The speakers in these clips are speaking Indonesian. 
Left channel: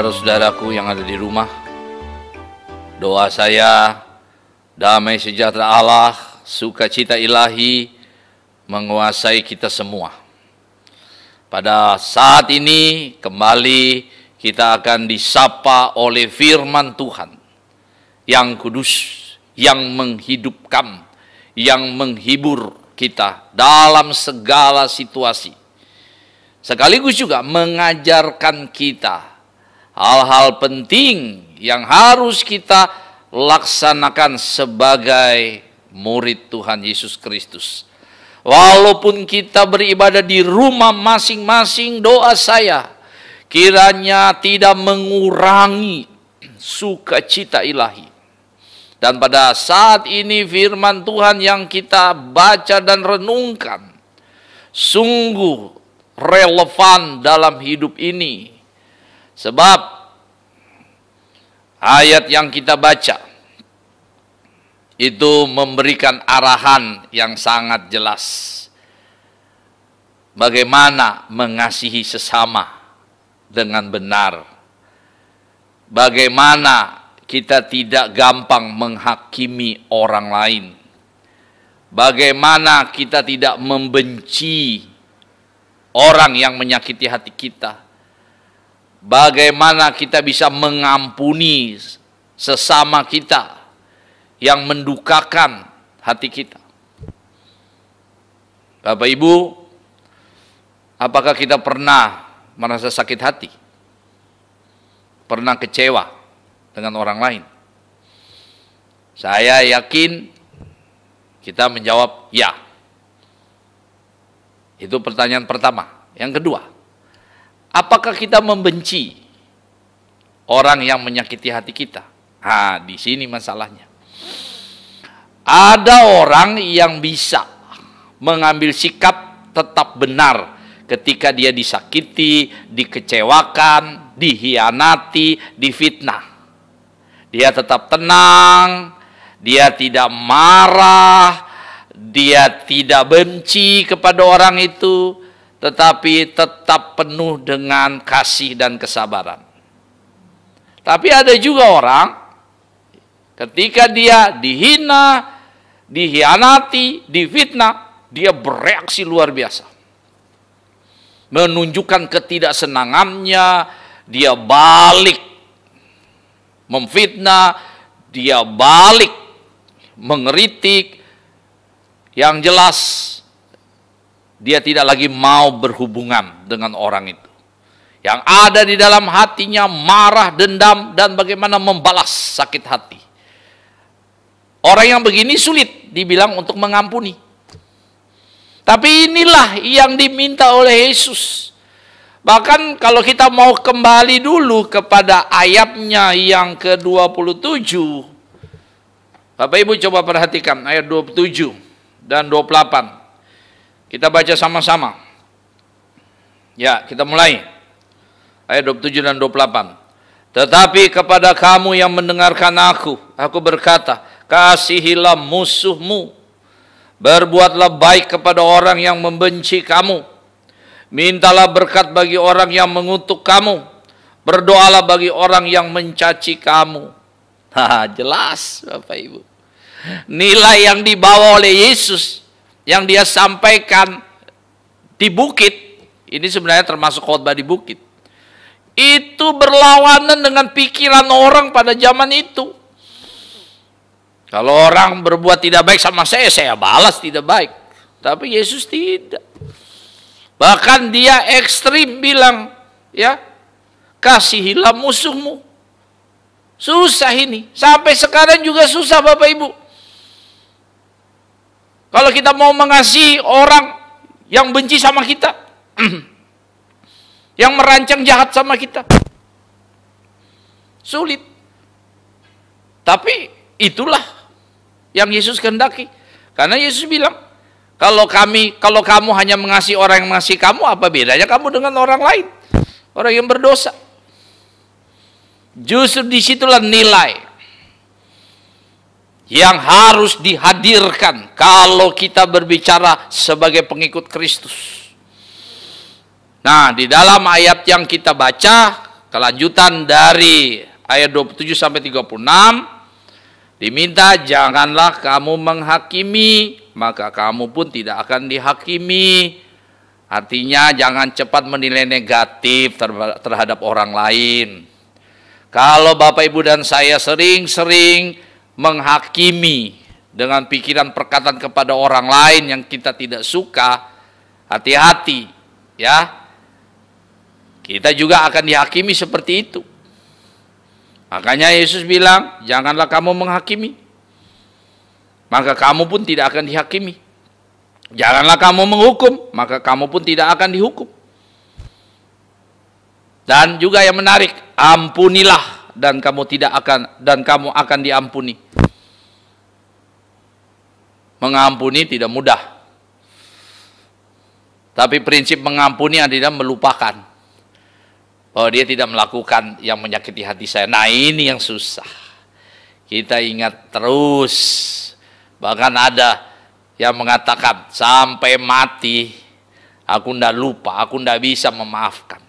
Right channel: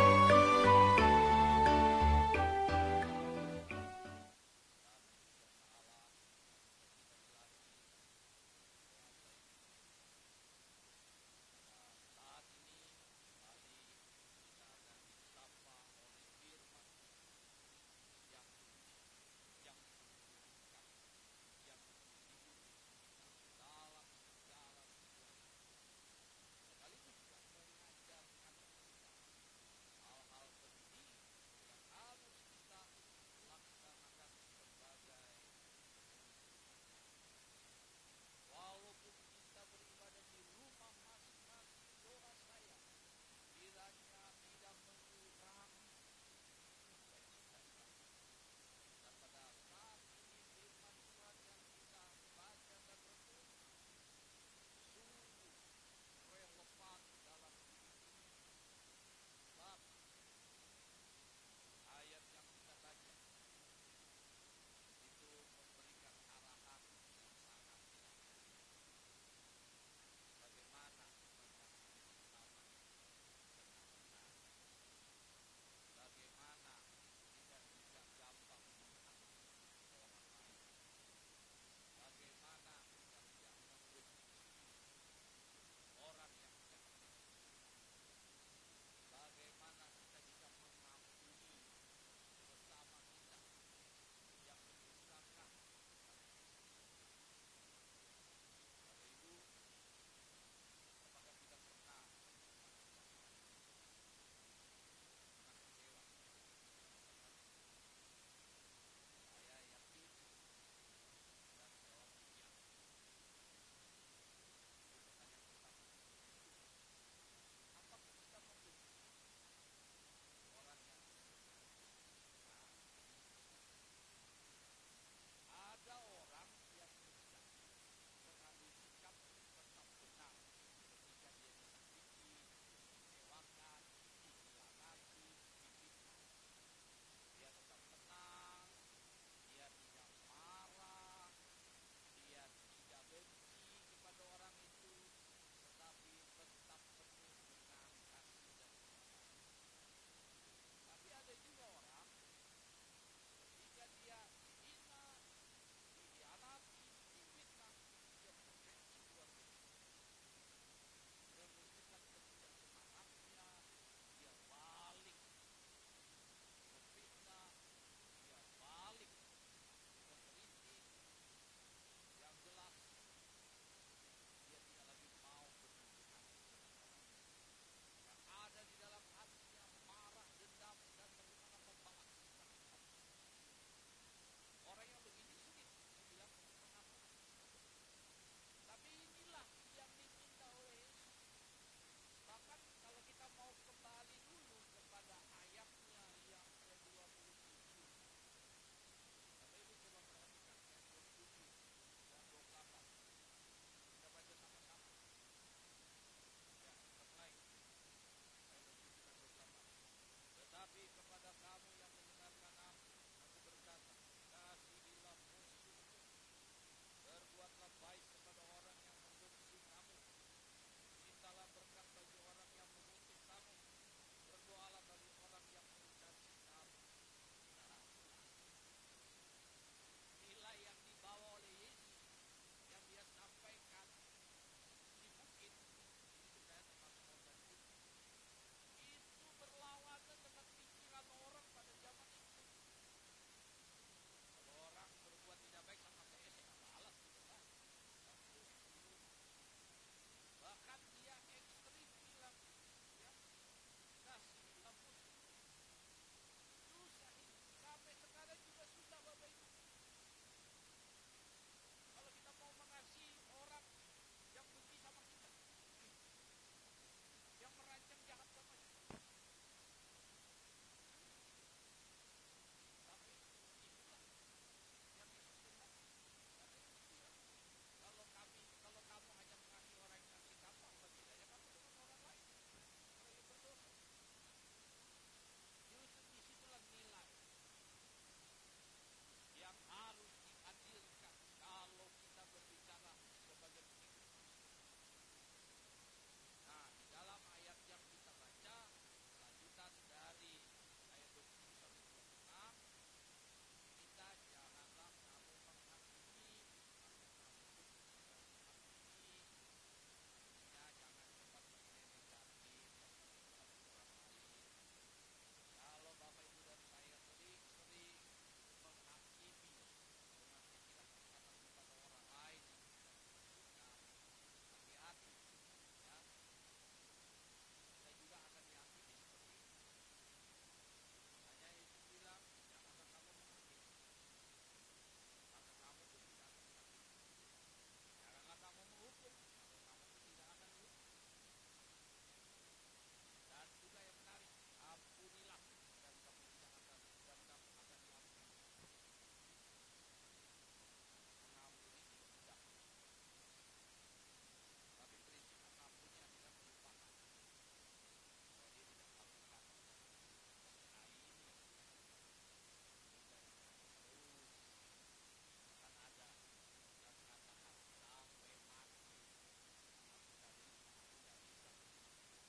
Saudara-saudaraku yang ada di rumah, doa saya, damai sejahtera Allah, sukacita ilahi menguasai kita semua. Pada saat ini kembali kita akan disapa oleh firman Tuhan yang kudus, yang menghidupkan, yang menghibur kita dalam segala situasi. Sekaligus juga mengajarkan kita hal-hal penting yang harus kita laksanakan sebagai murid Tuhan Yesus Kristus. Walaupun kita beribadah di rumah masing-masing, doa saya kiranya tidak mengurangi sukacita ilahi. Dan pada saat ini firman Tuhan yang kita baca dan renungkan sungguh relevan dalam hidup ini. Sebab ayat yang kita baca itu memberikan arahan yang sangat jelas. Bagaimana mengasihi sesama dengan benar. Bagaimana kita tidak gampang menghakimi orang lain. Bagaimana kita tidak membenci orang yang menyakiti hati kita. Bagaimana kita bisa mengampuni sesama kita yang mendukakan hati kita. Bapak Ibu, apakah kita pernah merasa sakit hati? Pernah kecewa dengan orang lain? Saya yakin kita menjawab ya. Itu pertanyaan pertama. Yang kedua, apakah kita membenci orang yang menyakiti hati kita? Nah, di sini masalahnya. Ada orang yang bisa mengambil sikap tetap benar ketika dia disakiti, dikecewakan, dihianati, difitnah. Dia tetap tenang, dia tidak marah, dia tidak benci kepada orang itu, tetapi tetap penuh dengan kasih dan kesabaran. Tapi ada juga orang, ketika dia dihina, dihianati, difitnah, dia bereaksi luar biasa. Menunjukkan ketidaksenangannya, dia balik memfitnah, dia balik mengeritik. Yang jelas, dia tidak lagi mau berhubungan dengan orang itu. Yang ada di dalam hatinya marah, dendam, dan bagaimana membalas sakit hati. Orang yang begini sulit dibilang untuk mengampuni. Tapi inilah yang diminta oleh Yesus. Bahkan kalau kita mau kembali dulu kepada ayatnya yang ke-27. Bapak Ibu coba perhatikan ayat 27 dan 28. Kita baca sama-sama. Ya, kita mulai. Ayat 27 dan 28. Tetapi kepada kamu yang mendengarkan aku berkata, kasihilah musuhmu. Berbuatlah baik kepada orang yang membenci kamu. Mintalah berkat bagi orang yang mengutuk kamu. Berdoalah bagi orang yang mencaci kamu. Jelas Bapak Ibu. Nilai yang dibawa oleh Yesus, yang dia sampaikan di bukit, ini sebenarnya termasuk khotbah di bukit. Itu berlawanan dengan pikiran orang pada zaman itu. Kalau orang berbuat tidak baik sama saya balas tidak baik. Tapi Yesus tidak. Bahkan dia ekstrim bilang, ya, kasihilah musuhmu. Susah ini. Sampai sekarang juga susah Bapak Ibu. Kalau kita mau mengasihi orang yang benci sama kita, yang merancang jahat sama kita, sulit. Tapi itulah yang Yesus kehendaki. Karena Yesus bilang, kalau kamu hanya mengasihi orang yang mengasihi kamu, apa bedanya kamu dengan orang lain? Orang yang berdosa. Justru disitulah nilai yang harus dihadirkan kalau kita berbicara sebagai pengikut Kristus. Nah, di dalam ayat yang kita baca, kelanjutan dari ayat 27 sampai 36, diminta janganlah kamu menghakimi, maka kamu pun tidak akan dihakimi. Artinya jangan cepat menilai negatif terhadap orang lain. Kalau Bapak Ibu dan saya sering-sering menghakimi dengan pikiran perkataan kepada orang lain yang kita tidak suka, hati-hati ya. Kita juga akan dihakimi seperti itu. Makanya Yesus bilang, janganlah kamu menghakimi, maka kamu pun tidak akan dihakimi. Janganlah kamu menghukum, maka kamu pun tidak akan dihukum. Dan juga yang menarik, ampunilah dan kamu akan diampuni. Mengampuni tidak mudah. Tapi prinsip mengampuni adalah melupakan. Bahwa dia tidak melakukan yang menyakiti hati saya. Nah, ini yang susah. Kita ingat terus. Bahkan ada yang mengatakan sampai mati aku ndak lupa, aku ndak bisa memaafkan.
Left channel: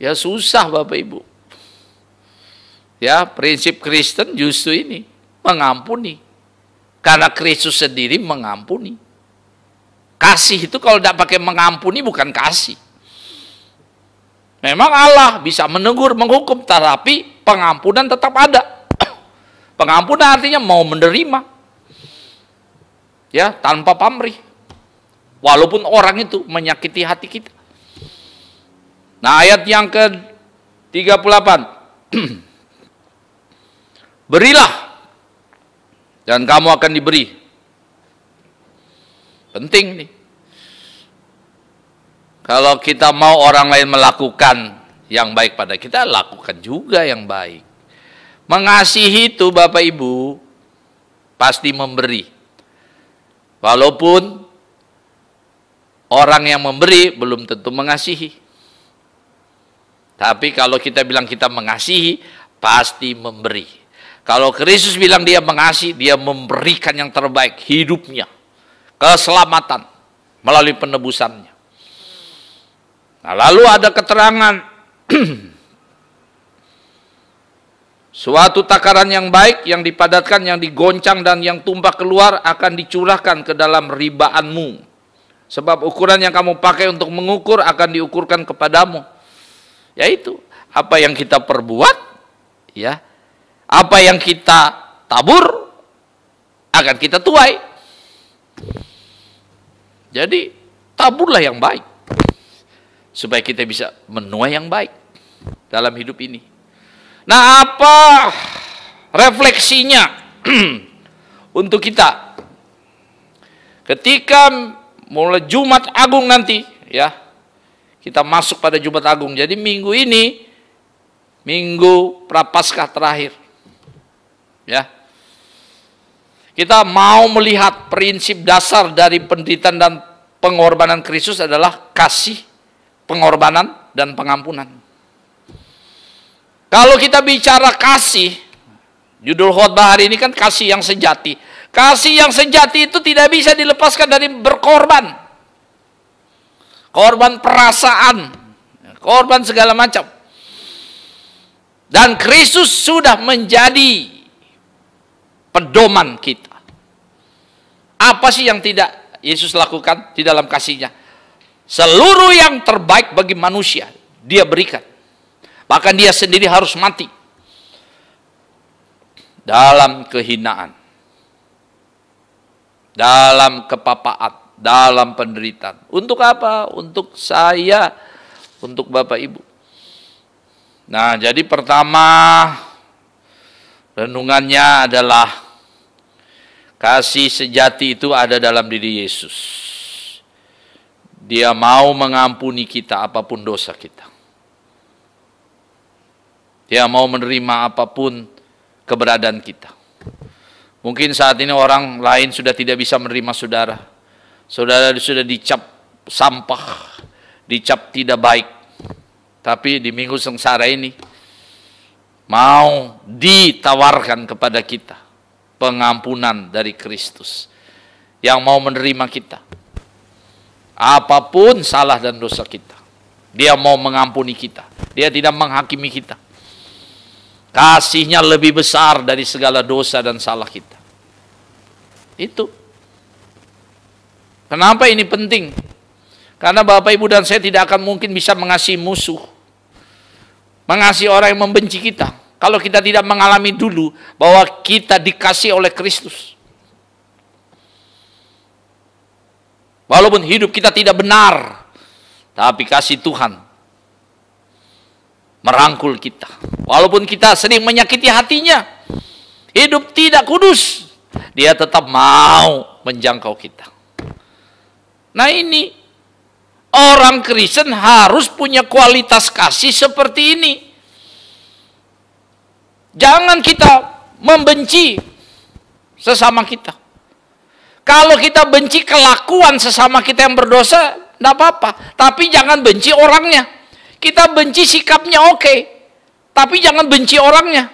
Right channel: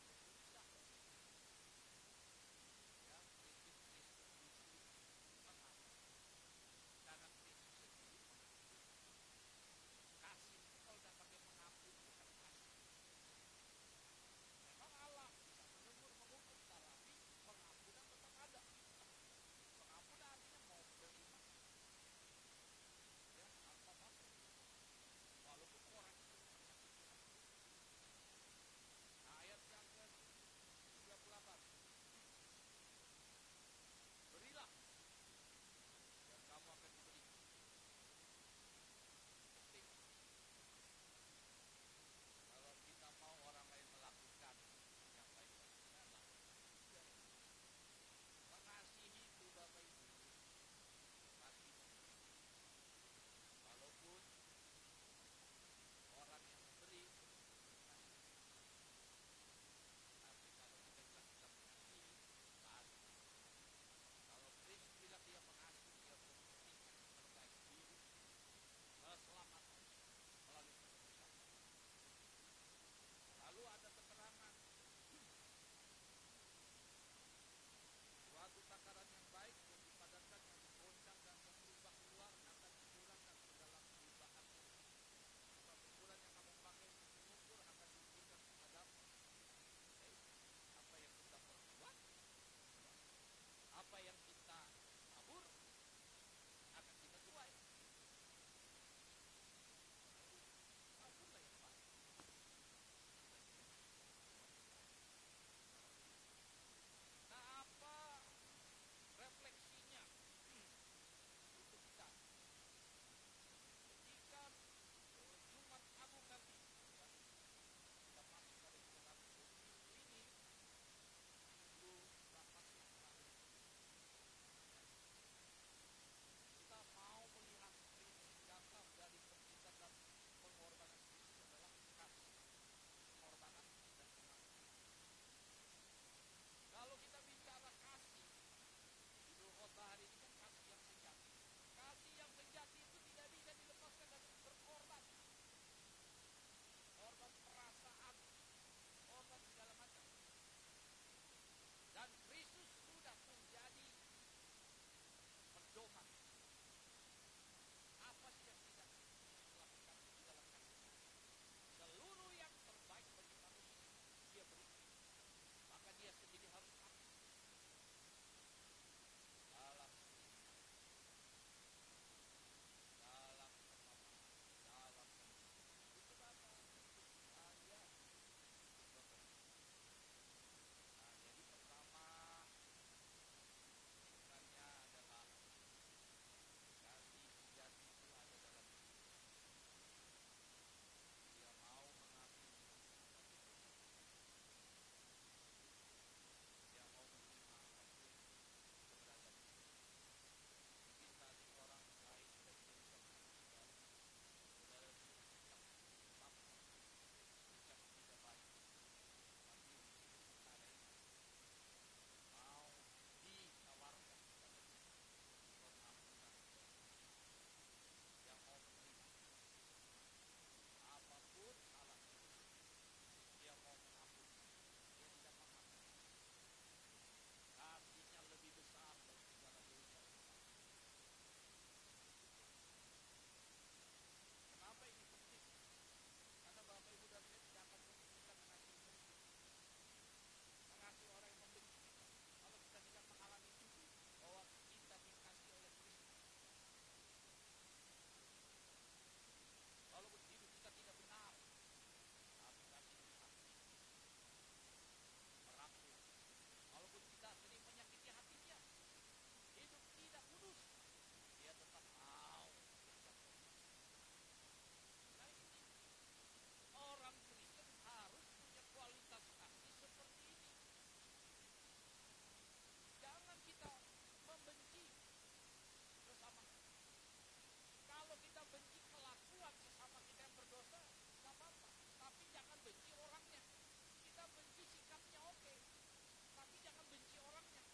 Ya susah Bapak Ibu. Ya, prinsip Kristen justru ini, mengampuni. Karena Kristus sendiri mengampuni. Kasih itu kalau tidak pakai mengampuni bukan kasih. Memang Allah bisa menegur, menghukum, tapi pengampunan tetap ada. Pengampunan artinya mau menerima. Ya, tanpa pamrih. Walaupun orang itu menyakiti hati kita. Nah, ayat yang ke-38. Berilah dan kamu akan diberi. Penting nih. Kalau kita mau orang lain melakukan yang baik pada kita, lakukan juga yang baik. Mengasihi itu Bapak Ibu pasti memberi. Walaupun orang yang memberi belum tentu mengasihi. Tapi kalau kita bilang kita mengasihi, pasti memberi. Kalau Kristus bilang dia mengasihi, dia memberikan yang terbaik, hidupnya, keselamatan, melalui penebusannya. Nah, lalu ada keterangan, suatu takaran yang baik, yang dipadatkan, yang digoncang, dan yang tumpah keluar akan dicurahkan ke dalam ribaanmu. Sebab ukuran yang kamu pakai untuk mengukur akan diukurkan kepadamu. Yaitu, apa yang kita perbuat, ya, apa yang kita tabur, akan kita tuai. Jadi, taburlah yang baik. Supaya kita bisa menuai yang baik dalam hidup ini. Nah, apa refleksinya untuk kita? Ketika mulai Jumat Agung nanti, ya, kita masuk pada Jumat Agung. Jadi minggu ini, minggu Prapaskah terakhir, ya, kita mau melihat prinsip dasar dari penderitaan dan pengorbanan Kristus adalah kasih, pengorbanan, dan pengampunan. Kalau kita bicara kasih, judul khotbah hari ini kan kasih yang sejati. Kasih yang sejati itu tidak bisa dilepaskan dari berkorban. Korban perasaan, korban segala macam. Dan Kristus sudah menjadi pedoman kita. Apa sih yang tidak Yesus lakukan di dalam kasihnya? Seluruh yang terbaik bagi manusia, dia berikan. Bahkan dia sendiri harus mati dalam kehinaan, dalam kepapaan, dalam penderitaan. Untuk apa? Untuk saya, untuk Bapak Ibu. Nah, jadi pertama renungannya adalah kasih sejati itu ada dalam diri Yesus. Dia mau mengampuni kita apapun dosa kita. Dia mau menerima apapun keberadaan kita. Mungkin saat ini orang lain sudah tidak bisa menerima saudara. Saudara sudah dicap sampah, dicap tidak baik. Tapi di minggu sengsara ini, mau ditawarkan kepada kita pengampunan dari Kristus. Yang mau menerima kita. Apapun salah dan dosa kita. Dia mau mengampuni kita. Dia tidak menghakimi kita. Kasih-Nya lebih besar dari segala dosa dan salah kita. Itu. Kenapa ini penting? Karena Bapak, Ibu, dan saya tidak akan mungkin bisa mengasihi musuh. Mengasihi orang yang membenci kita. Kalau kita tidak mengalami dulu bahwa kita dikasih oleh Kristus. Walaupun hidup kita tidak benar, tapi kasih Tuhan merangkul kita. Walaupun kita sering menyakiti hatinya, hidup tidak kudus, Dia tetap mau menjangkau kita. Nah ini, orang Kristen harus punya kualitas kasih seperti ini. Jangan kita membenci sesama kita. Kalau kita benci kelakuan sesama kita yang berdosa, tidak apa-apa. Tapi jangan benci orangnya. Kita benci sikapnya oke, tapi jangan benci orangnya.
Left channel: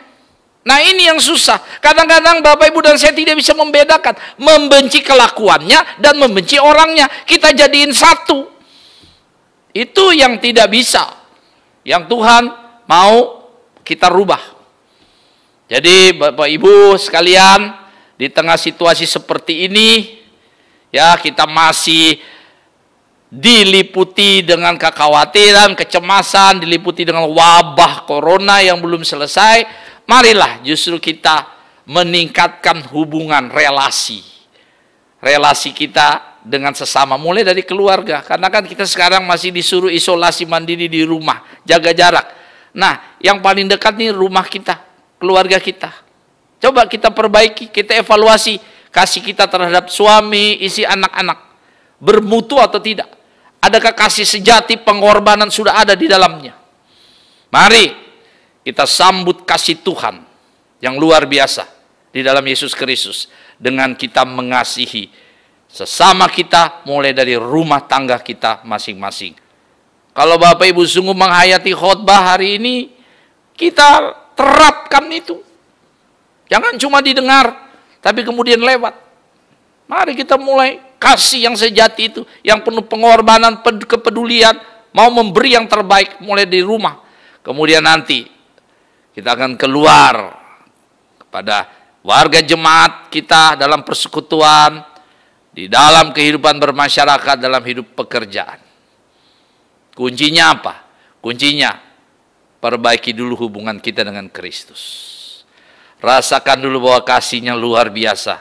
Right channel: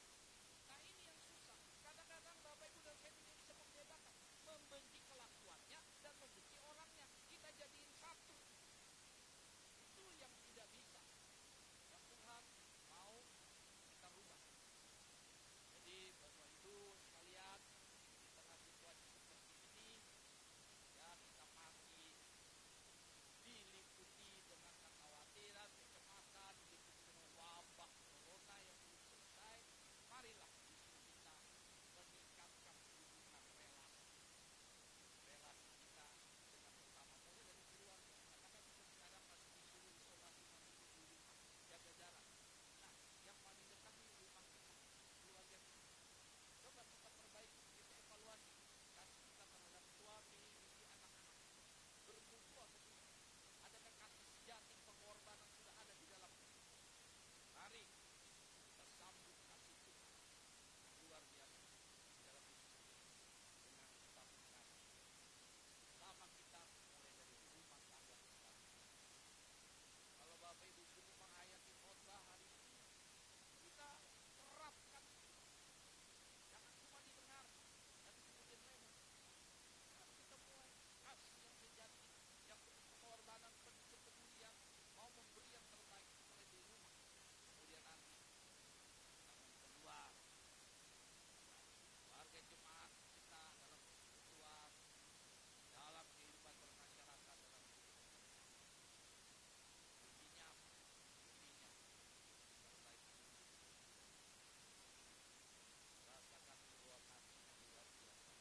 Nah ini yang susah. Kadang-kadang Bapak, Ibu, dan saya tidak bisa membedakan. Membenci kelakuannya dan membenci orangnya. Kita jadiin satu. Itu yang tidak bisa. Yang Tuhan mau kita rubah. Jadi Bapak, Ibu sekalian, di tengah situasi seperti ini, ya kita masih diliputi dengan kekhawatiran, kecemasan, diliputi dengan wabah corona yang belum selesai. Marilah justru kita meningkatkan hubungan relasi kita dengan sesama, mulai dari keluarga. Karena kan kita sekarang masih disuruh isolasi mandiri di rumah, jaga jarak. Nah, yang paling dekat nih rumah kita, keluarga kita. Coba kita perbaiki, kita evaluasi kasih kita terhadap suami, istri, anak-anak. Bermutu atau tidak? Adakah kasih sejati, pengorbanan sudah ada di dalamnya? Mari kita sambut kasih Tuhan yang luar biasa di dalam Yesus Kristus dengan kita mengasihi sesama kita mulai dari rumah tangga kita masing-masing. Kalau Bapak Ibu sungguh menghayati khotbah hari ini, kita terapkan itu. Jangan cuma didengar, tapi kemudian lewat. Mari kita mulai kasih yang sejati itu, yang penuh pengorbanan, kepedulian, mau memberi yang terbaik mulai di rumah. Kemudian nanti kita akan keluar kepada warga jemaat kita dalam persekutuan, di dalam kehidupan bermasyarakat, dalam hidup pekerjaan. Kuncinya apa? Kuncinya perbaiki dulu hubungan kita dengan Kristus. Rasakan dulu bahwa kasih-Nya luar biasa.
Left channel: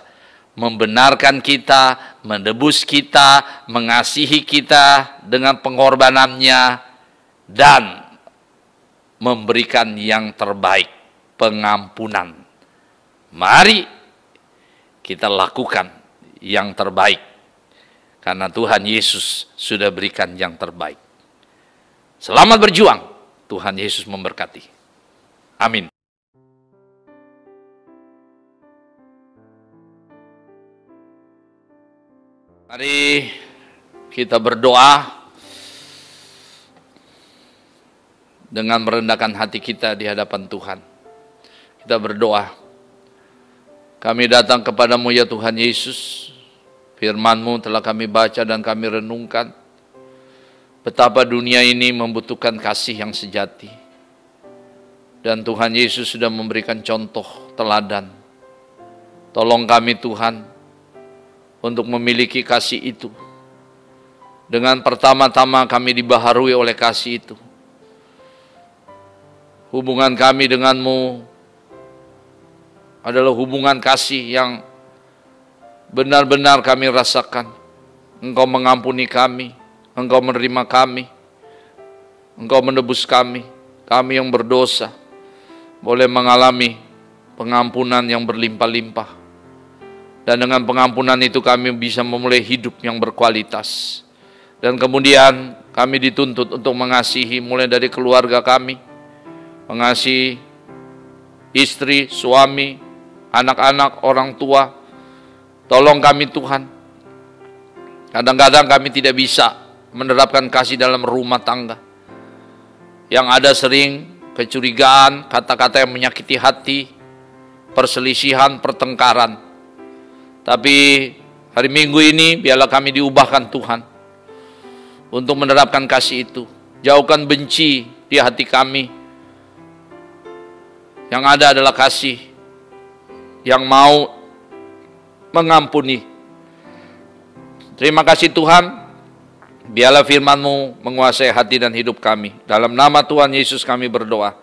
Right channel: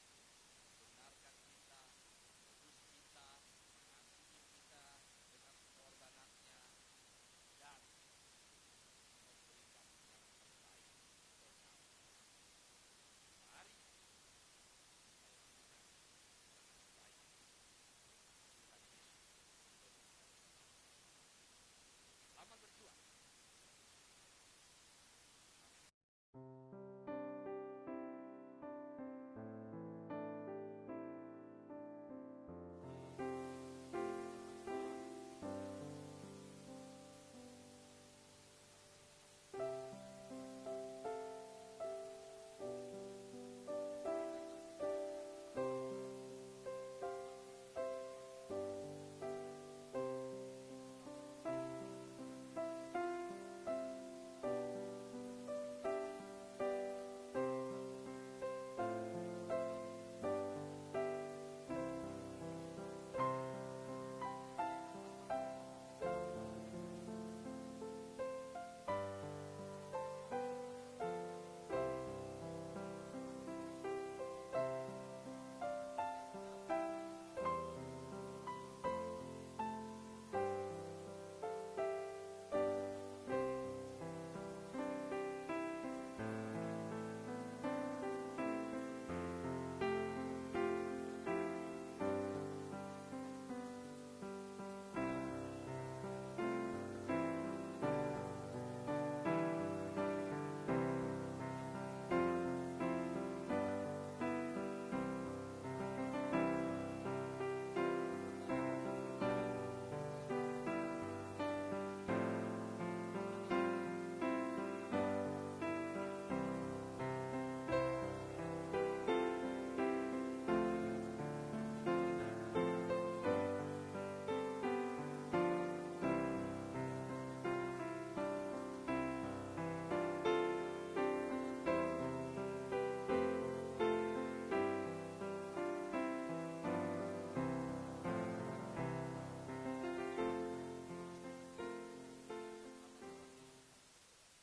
Membenarkan kita, menebus kita, mengasihi kita dengan pengorbanannya, dan memberikan yang terbaik, pengampunan. Mari kita lakukan yang terbaik, karena Tuhan Yesus sudah berikan yang terbaik. Selamat berjuang, Tuhan Yesus memberkati. Amin. Mari kita berdoa dengan merendahkan hati kita di hadapan Tuhan. Kita berdoa. Kami datang kepadamu ya Tuhan Yesus. Firman-Mu telah kami baca dan kami renungkan. Betapa dunia ini membutuhkan kasih yang sejati. Dan Tuhan Yesus sudah memberikan contoh teladan. Tolong kami Tuhan, untuk memiliki kasih itu. Dengan pertama-tama kami dibaharui oleh kasih itu. Hubungan kami denganmu adalah hubungan kasih yang benar-benar kami rasakan. Engkau mengampuni kami, Engkau menerima kami, Engkau menebus kami. Kami yang berdosa boleh mengalami pengampunan yang berlimpah-limpah. Dan dengan pengampunan itu kami bisa memulai hidup yang berkualitas. Dan kemudian kami dituntut untuk mengasihi mulai dari keluarga kami. Mengasihi istri, suami, anak-anak, orang tua. Tolong kami Tuhan. Kadang-kadang kami tidak bisa menerapkan kasih dalam rumah tangga. Yang ada sering kecurigaan, kata-kata yang menyakiti hati, perselisihan, pertengkaran. Tapi hari Minggu ini biarlah kami diubahkan Tuhan untuk menerapkan kasih itu. Jauhkan benci di hati kami. Yang ada adalah kasih yang mau mengampuni. Terima kasih Tuhan, biarlah firman-Mu menguasai hati dan hidup kami. Dalam nama Tuhan Yesus kami berdoa.